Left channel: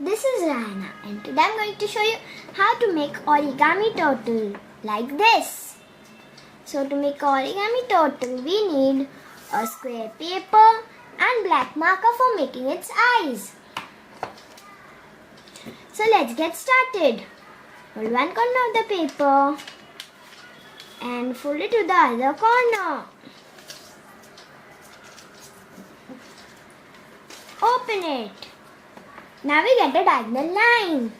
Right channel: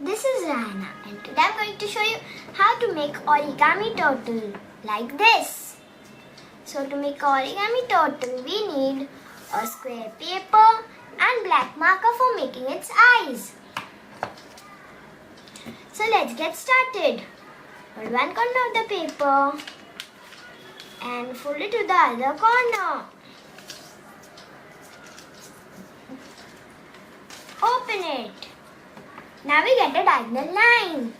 This is Rahana and today I'm going to show you how to make origami turtle like this. So to make origami turtle we need a square paper and black marker for making its eyes. So let's get started. Fold one corner of the paper and fold it to the other corner. Open it. Now we get a diagonal line.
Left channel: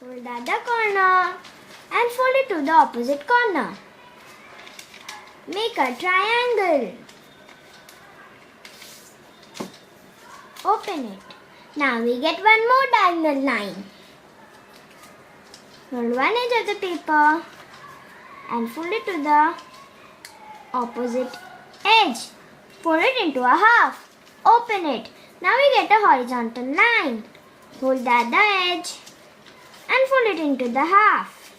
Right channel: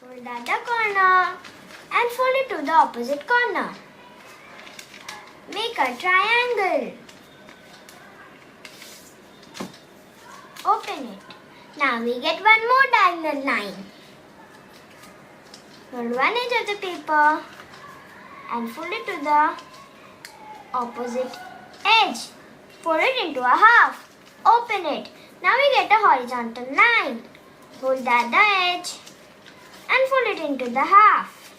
Fold the other corner and fold it to the opposite corner. Make a triangle. Open it. Now we get one more diagonal line. Fold one edge of the paper and fold it to the opposite edge. Fold it into a half. Open it. Now we get a horizontal line. Fold the other edge and fold it into the half.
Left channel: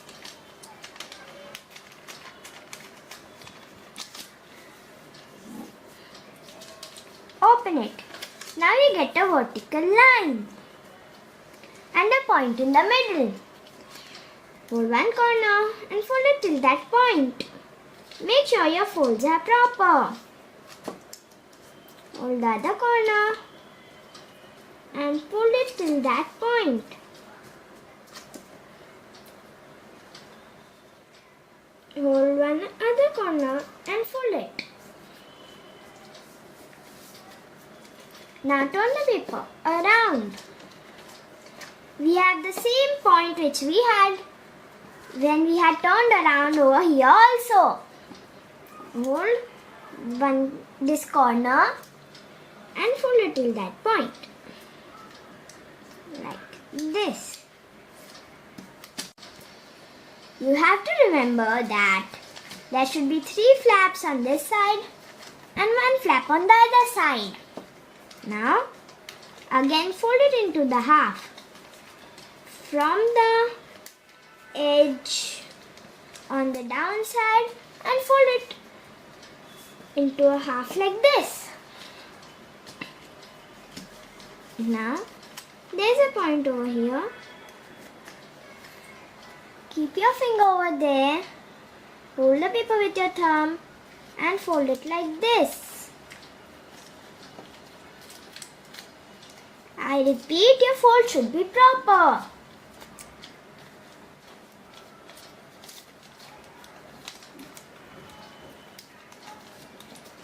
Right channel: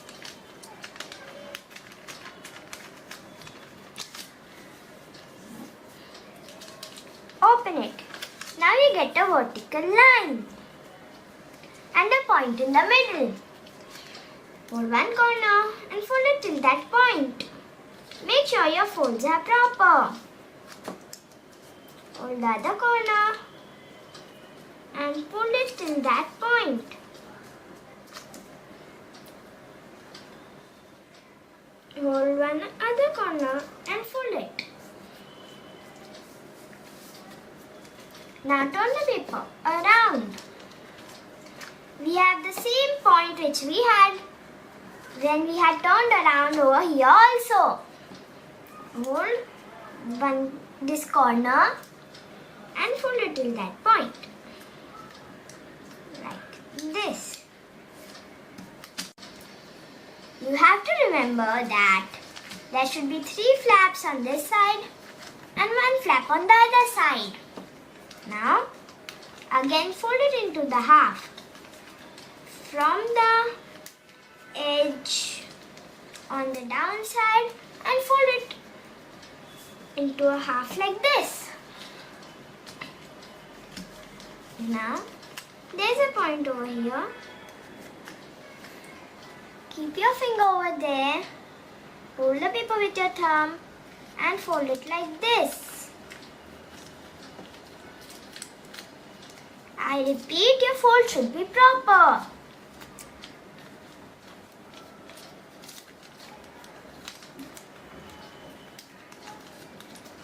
Open it. Now we get a vertical line and a point in the middle. Fold one corner and fold it till that point. Make sure your folds are proper. Fold the other corner and fold it till that point. Hold one other corner and fold it. Now turn the paper around. We have the same point which we had when we had turned around over here also. Hold this corner and fold it till that point. Like this. You have to remember that there should be 3 flaps on this side and 1 flap on the other side. Now, again fold it into the half. From the edge on the downside and fold it into a half like this. Now, there's a point over here. Keep your finger over there. Hold the paper with your thumb and fold it like this. I repeat, your fold should be proper.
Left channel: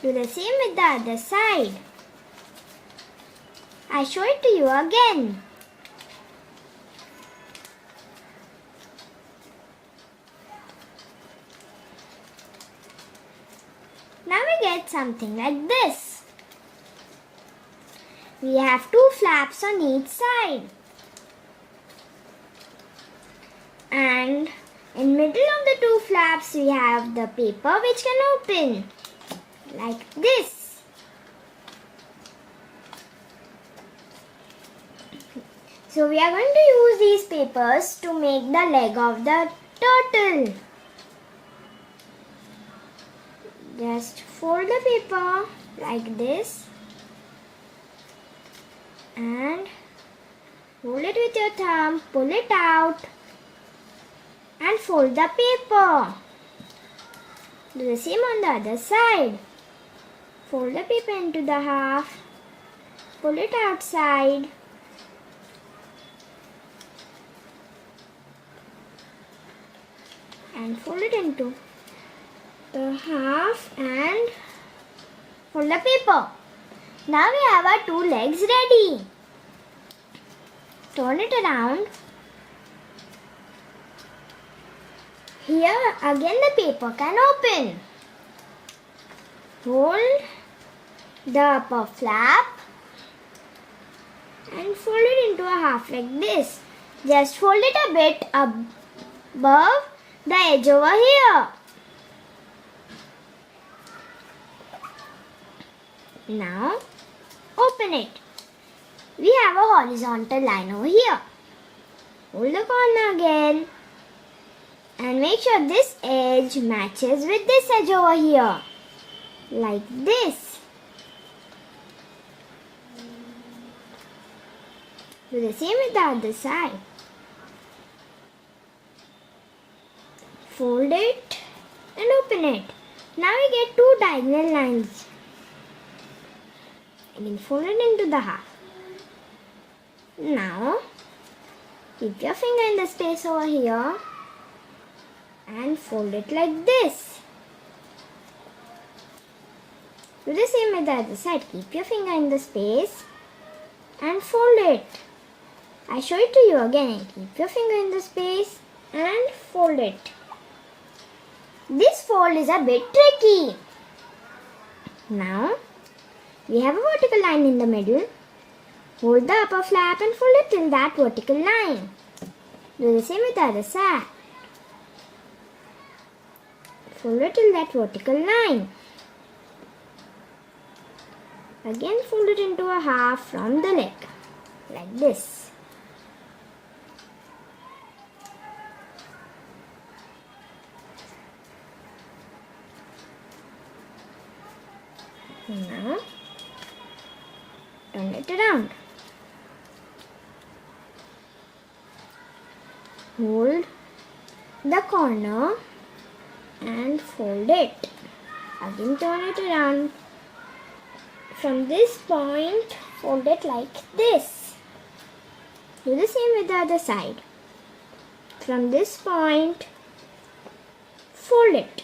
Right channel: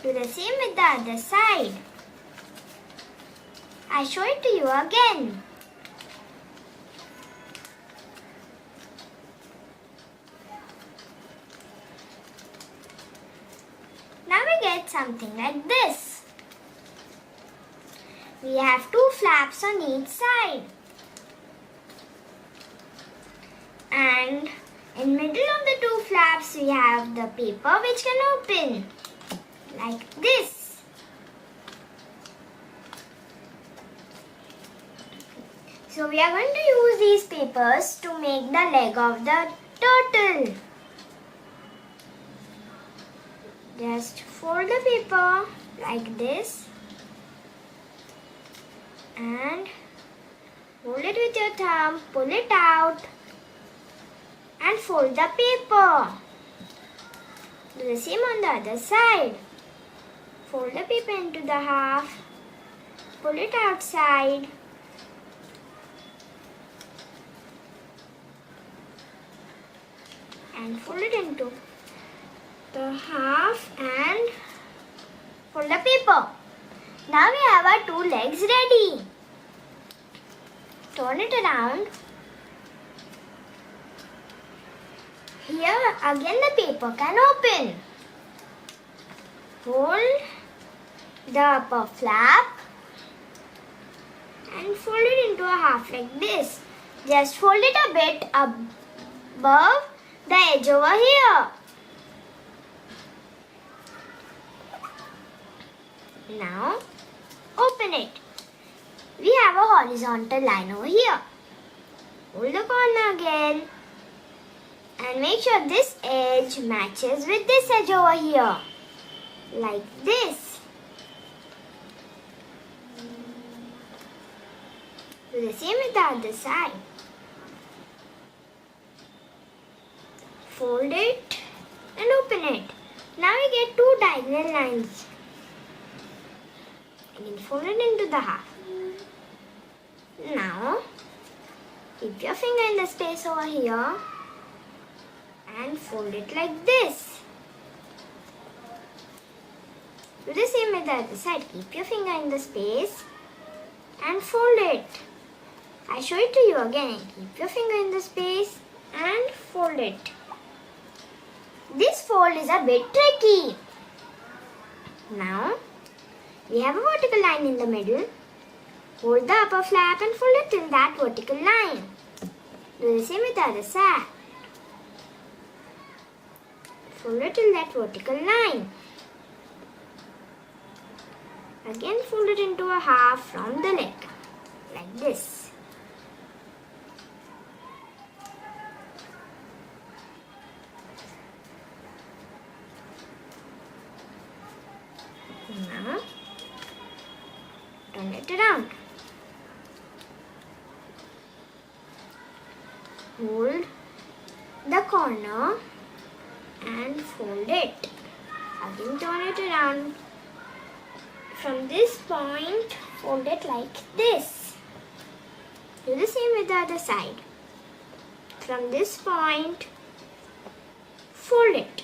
Do the same with the other side. I show it to you again. Now we get something like this. We have 2 flaps on each side. And in middle of the 2 flaps we have the paper which can open. Like this. So we are going to use these papers to make the leg of the turtle. Just fold the paper like this and hold it with your thumb, pull it out and fold the paper. Do the same on the other side. Fold the paper into the half, pull it outside and fold it into the half and fold the paper. Now we have our 2 legs ready. Turn it around. Here again the paper can open. Hold the upper flap and fold it into a half like this. Just fold it a bit above the edge over here. Now open it. We have a horizontal line over here. Hold the corner again and make sure this edge matches with this edge over here. Like this. Do the same with the other side. Fold it and open it. Now we get two diagonal lines. Again fold it into the half. Now keep your finger in the space over here and fold it like this. Do the same with the other side. Keep your finger in the space and fold it. I show it to you again. Keep your finger in the space and fold it. This fold is a bit tricky. Now, we have a vertical line in the middle. Hold the upper flap and fold it till that vertical line. Do the same with the other side. Fold it till that vertical line. Again fold it into a half from the neck, like this. Now, turn it around. Hold the corner and fold it. Again turn it around. From this point, fold it like this. Do the same with the other side. From this point, fold it.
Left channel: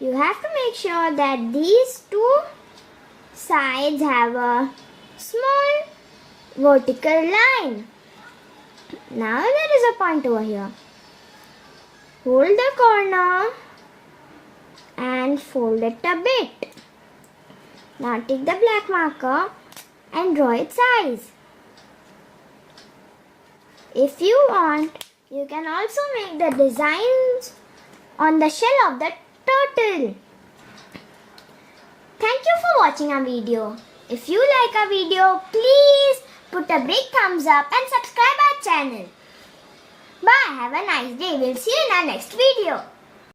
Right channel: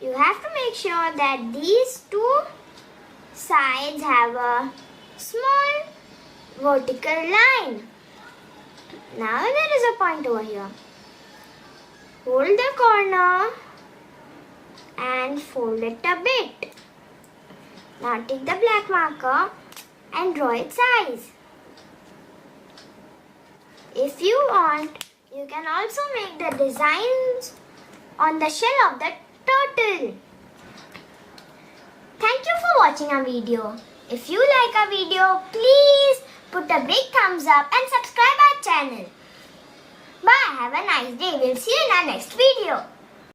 You have to make sure that these two sides have a small vertical line. Now there is a point over here. Hold the corner and fold it a bit. Now take the black marker and draw its eyes. If you want, you can also make the designs on the shell of the turtle. Thank you for watching our video. If you like our video, please put a big thumbs up and subscribe our channel. Bye. Have a nice day. We'll see you in our next video.